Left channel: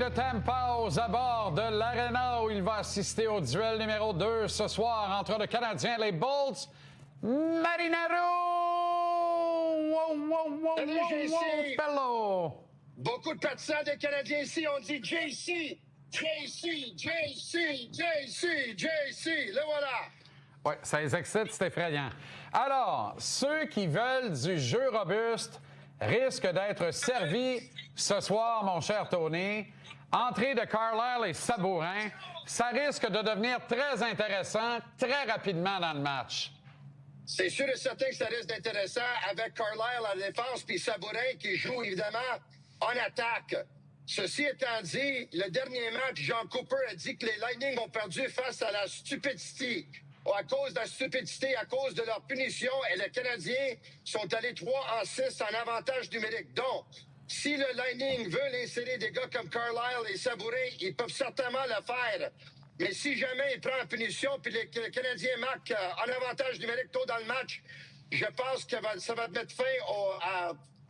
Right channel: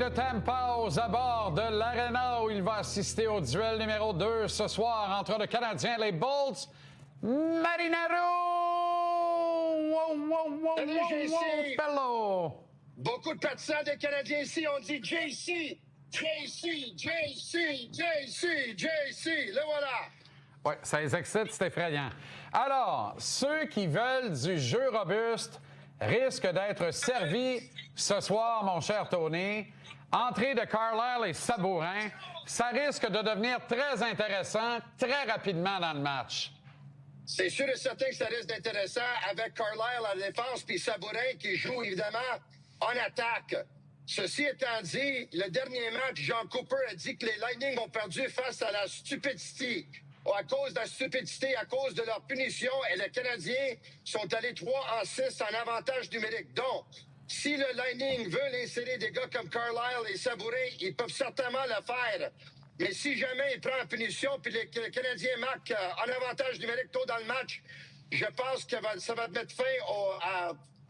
de Tampa aux abords de l'Arena où il va assister au duel numéro 2 ce soir entre le Canadien et les Bolts. Marinaro! Salut, JC! Hello! Beaucoup de partisans des Canadiens ici ont dit JC! JC! JC! JC! JC! Le voilà! Oui, ça les excite, c'est effrayant. Alors, ceux qui veulent du jeu robuste risquent d'être servis ce soir, mon cher Tony. Entrée de Carlyle et Sabourin, ça risque de devenir très intéressant très rapidement dans le match. C'est sûr et certain que ça risque d'intéressant avec Carlyle en défense puis Sabourin qui joue évidemment en attaque. Ceci étant dit, le dernier match, John Cooper a dit que les Lightning ont perdu face à la stupidité. À cause de la stupidité, à cause de leur punition, et les Canadiens sont allés 3-6 en avantage numérique. Donc, si le Lightning veut insérer des gars comme Carlyle et Sabourin, ils peuvent certainement le faire. Mais si jamais il prend en punition puis le Canadien marque en avantage numérique tôt dans le match, je pense que ça va mettre fin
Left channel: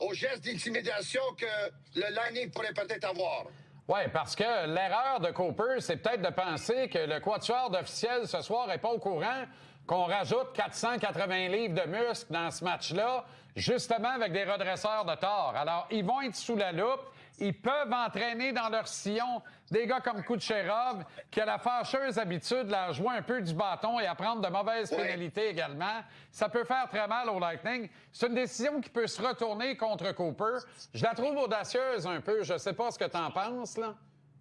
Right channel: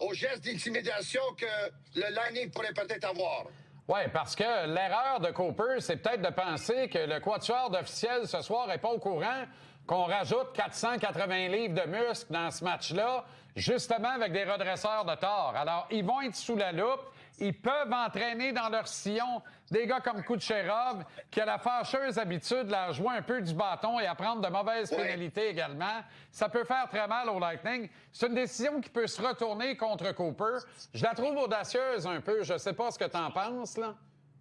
au geste d'intimidation que le Lightning pourrait peut-être avoir. Oui, parce que l'erreur de Cooper, c'est peut-être de penser que le quatuor d'officiels ce soir n'est pas au courant qu'on rajoute 480 livres de muscles dans ce match-là, justement avec des redresseurs de tort. Alors, ils vont être sous la loupe. Ils peuvent entraîner dans leur sillon des gars comme Kucherov, qui a la fâcheuse habitude de la jouer un peu du bâton et à prendre de mauvaises pénalités également. Ça peut faire très mal au Lightning. C'est une décision qui peut se retourner contre Cooper. Je la trouve audacieuse un peu. Je sais pas ce que tu en penses, là.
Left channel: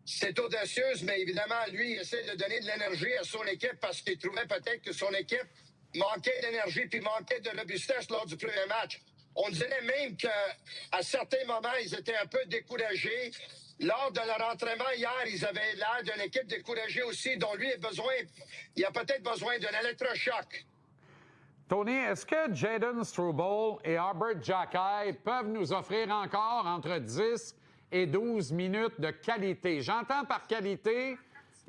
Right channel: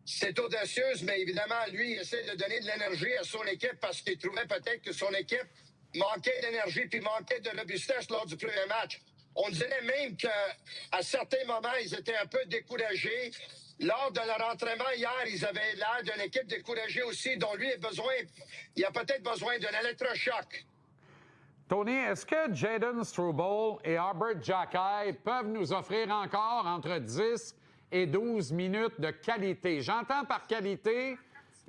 C'est audacieuse, mais évidemment, lui, il essaie de donner de l'énergie à son équipe parce qu'il trouvait peut-être que son équipe manquait d'énergie puis manquait de robustesse lors du premier match. On dirait même qu'à certains moments, ils étaient un peu découragés. Lors de leur entraînement hier, ils avaient l'air d'une équipe découragée aussi, dont lui il a peut-être besoin d'un électrochoc. Tony, est-ce que Jayden Struble et Albert Jacquet peuvent nous offrir encore entre 10 et 12 minutes de qualité? J'entends par qualité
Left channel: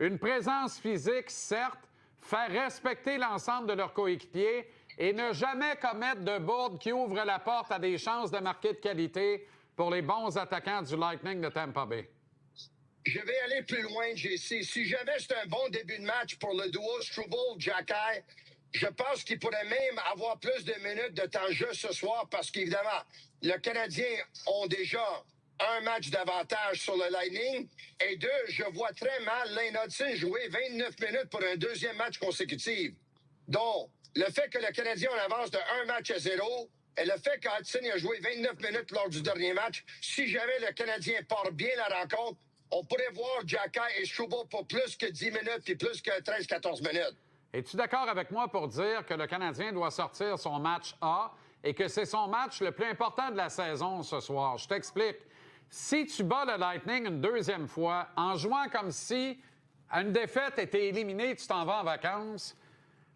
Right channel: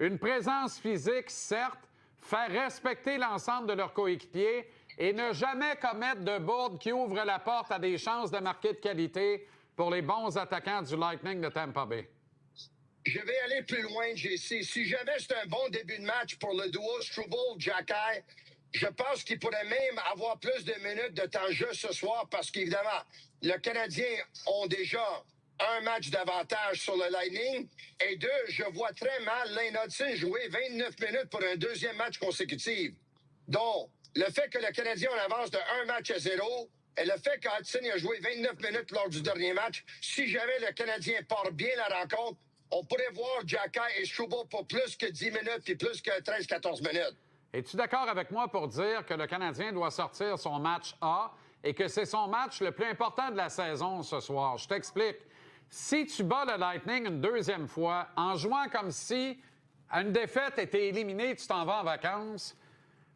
une présence physique, certes, faire respecter l'ensemble de leurs coéquipiers et ne jamais commettre de bourde qui ouvre la porte à des chances de marquer de qualité pour les bons attaquants du Lightning de Tampa Bay. Je vais aller plus loin, JC. Si jamais c'est un bon début de match pour le duo Struble-Jacquet, je pense qu'il pourrait même avoir plus de minutes de temps de jeu ce soir parce qu'évidemment, le Canadien ont déjà un match d'avantage sur le Lightning. Et deux, je vois très mal Lane Hudson jouer 29 minutes pour un deuxième match consécutif. Donc, le fait que le Canadien en avance de 1 match à 0 et le fait qu'Hudson a joué 29 minutes lors du dernier match, si jamais le Canadien part bien la rencontre, on pourrait voir Jacquet et Struble pour plus que 10 minutes et plus que 13-14 minutes. Es-tu d'accord avec moi pour dire que le Canadien doit sortir son match A et que c'est son match le plus important de la saison ce soir? Je t'explique. Si tu bats le Lightning une deuxième fois en jouant comme si à une défaite était éliminée, tu t'en vas en vacances,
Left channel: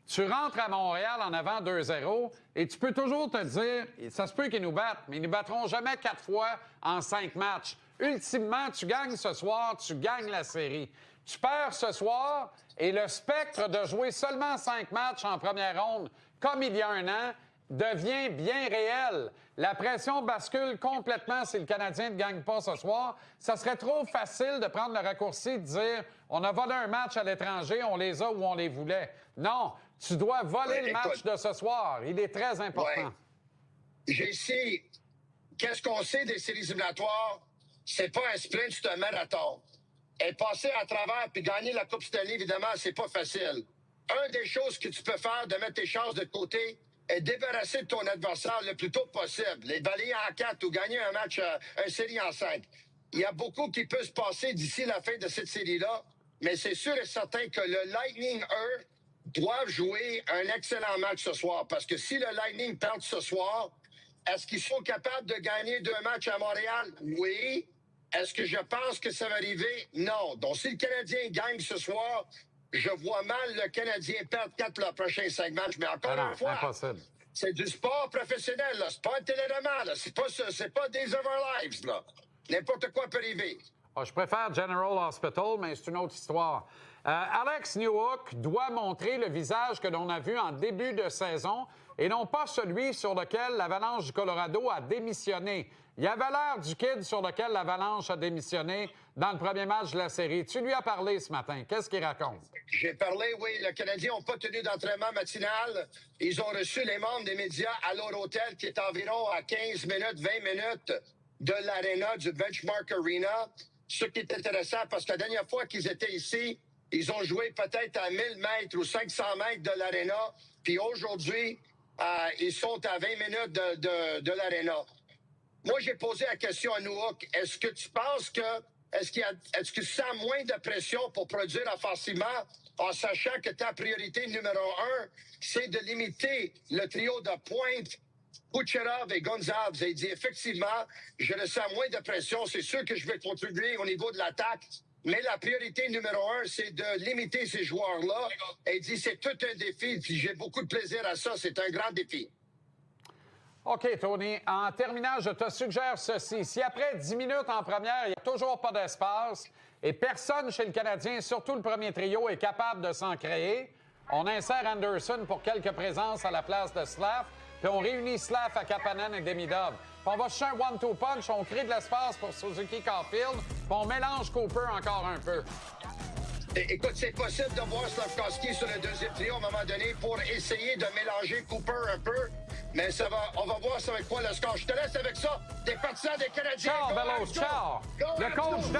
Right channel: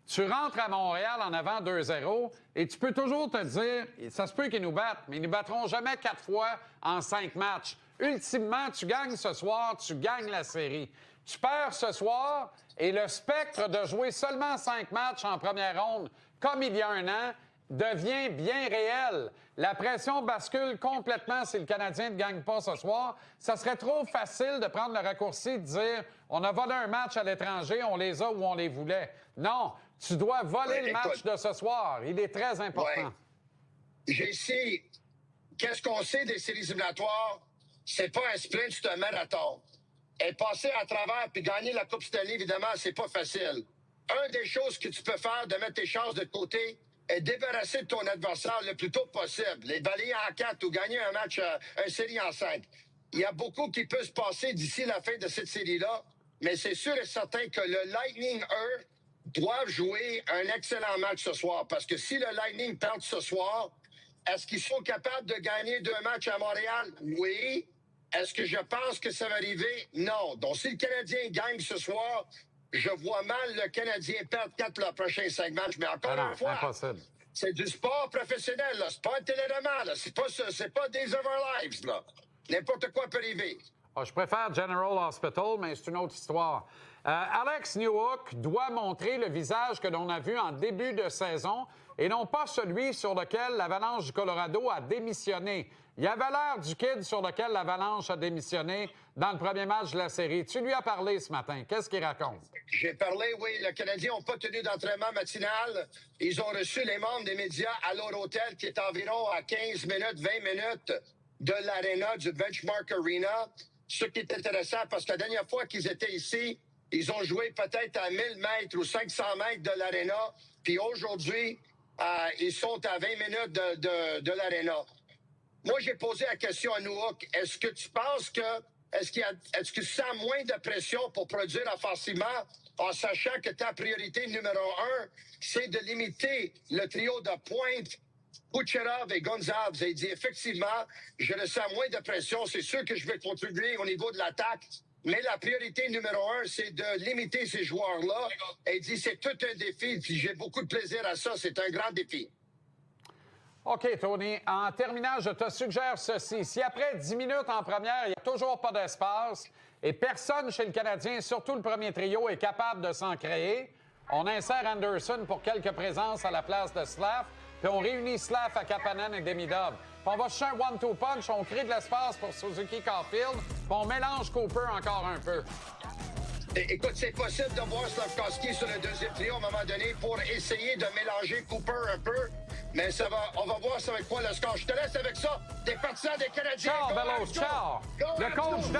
tu rentres à Montréal en avant 2-0 et tu peux toujours te dire, ça se peut qu'ils nous battent, mais ils ne battront jamais 4 fois en 5 matchs. Ultimement, tu gagnes ce soir, tu gagnes la série. Tu perds ce soir et le spectre de jouer seulement 5 matchs en première ronde, comme il y a un an, devient bien réel. La pression bascule complètement si le Canadien ne gagne pas ce soir. Ça serait trop facile de prendre le raccourci de dire on a volé un match à l'étranger, on les a où on les voulait. Non, tu dois voler le match de ce soir. Il est très important. JC, qu'est-ce qu'on sait des séries éliminatoires? C'est pas un sprint, c'est un marathon. Et passer à travers puis gagner la Coupe Stanley, évidemment, c'est pas facile. Une des choses que tu peux faire de mettre tes chances de côté est débarrasser de ton adversaire le plus tôt possible. Les balayer en 4 ou gagner un match, une série en 5. Il y a beaucoup qui peut se passer d'ici la fin de cette série-là, mais c'est sûr et certain que le Lightning, eux, doivent jouer un excellent match ce soir. Parce que si le Lightning perd ce soir, est-ce qu'ils sont capables de gagner 2 matchs à Montréal? Oui. Est-ce que je pense que ça va arriver? Non. Donc, si le Canadien gagne ce soir, je vois mal le Canadien perdre 4 pour les prochains 5 matchs. Mais encore une fois, impossible. C'est du sport professionnel, là. C'est pas un téléroman, là. C'est pas Days of Our Lives, là. N'importe quoi peut arriver. Je préfère General Hospital, mais c'est une autre histoire. Alex Newhook doit montrer le visage que l'on a vu en début de saison et non pas celui sur lequel l'Avalanche du Colorado a démissionné. Il y avait l'air du kid sur lequel l'Avalanche a démissionné dans le premier match de la série. Tu lui as parlé ce matin. Qu'est-ce qu'il raconte? J'ai parlé, oui. Les Canadiens n'ont pas tenu d'entraînement matinal. Ils ont reçu les membres des médias à leur hôtel qui est environ à 15 minutes, 20 minutes de l'aréna, du Benchmark Arena. Ce qui est intéressant parce que la dernière fois qu'ils étaient ici, ils ont joué peut-être à 1000 mètres ou 500 mètres de l'aréna. Puis aujourd'hui, ils sont à 20 minutes de l'aréna. Moi, j'ai posé la question à Nowak. Est-ce que tu penses que est-ce que tu sens moins de pression pour produire offensivement en sachant que ta priorité numéro 1, c'est de limiter le trio de pointe Kucherov et Gonzalez? Il dit effectivement, je ressens moins de pression. C'est sûr que je vais contribuer au niveau de l'attaque, mais la priorité numéro 1, c'est de limiter ces joueurs-là. Et il dit c'est tout un défi. Puis j'ai beaucoup de plaisir à ça. C'est un grand défi. OK, Tony. En terminant, je te suggère ceci. Si après 10 minutes en première, il n'y a toujours pas d'espace et personne chez le Canadien, surtout le premier trio, est capable de s'en créer, on insère Anderson pour quelques présences à la place de Slav, puis on réunit Slav à Kapanen et Demidov. Puis on va chercher un one-two punch, on crée de l'espace pour Suzuki Caulfield, puis on mélange Cooper encore un peu. Écoute, c'est possible de voir Slavkovski sur le deuxième trio à un moment donné pour essayer de mélanger Cooper un peu. Mais on va voir ça avec quoi le score. Je te laisse avec ça. Des partisans des Canadiens. Ciao, Bellows, ciao! Le coach